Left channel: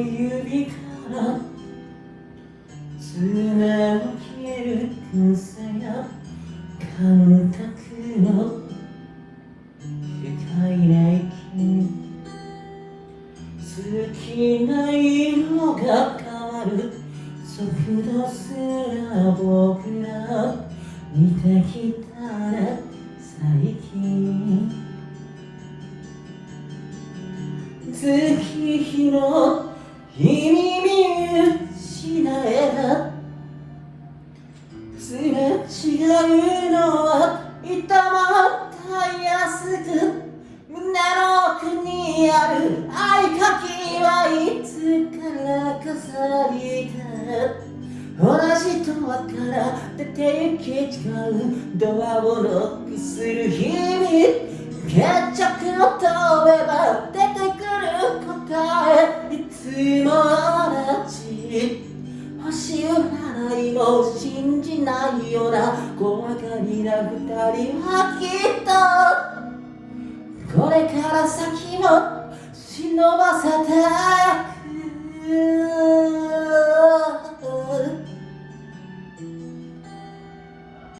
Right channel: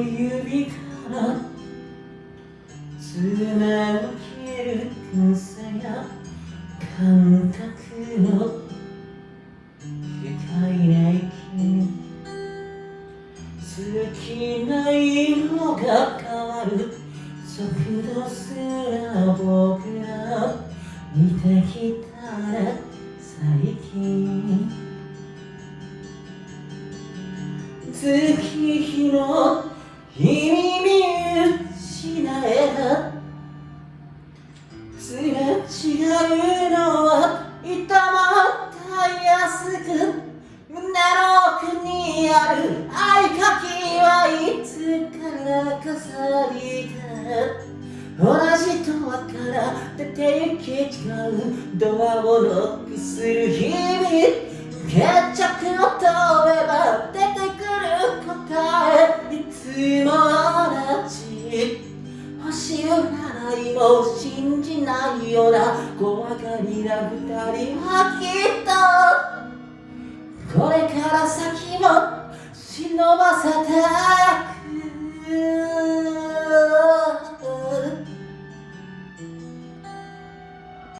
指からつなげる天才や感覚の不快な息好きな色が変わる速度すら僕ら似てきたら最近月日の日に見失えばすれ違うのはいたもたやすく胸の奥にある合鍵はいつから飾りか同じドアから出てきちゃうドアをノックする日々決着を飛べば出てくる答えいつも同じ星を何も信じないような小馬鹿にな二人はきっとこれから先も忍ばせていく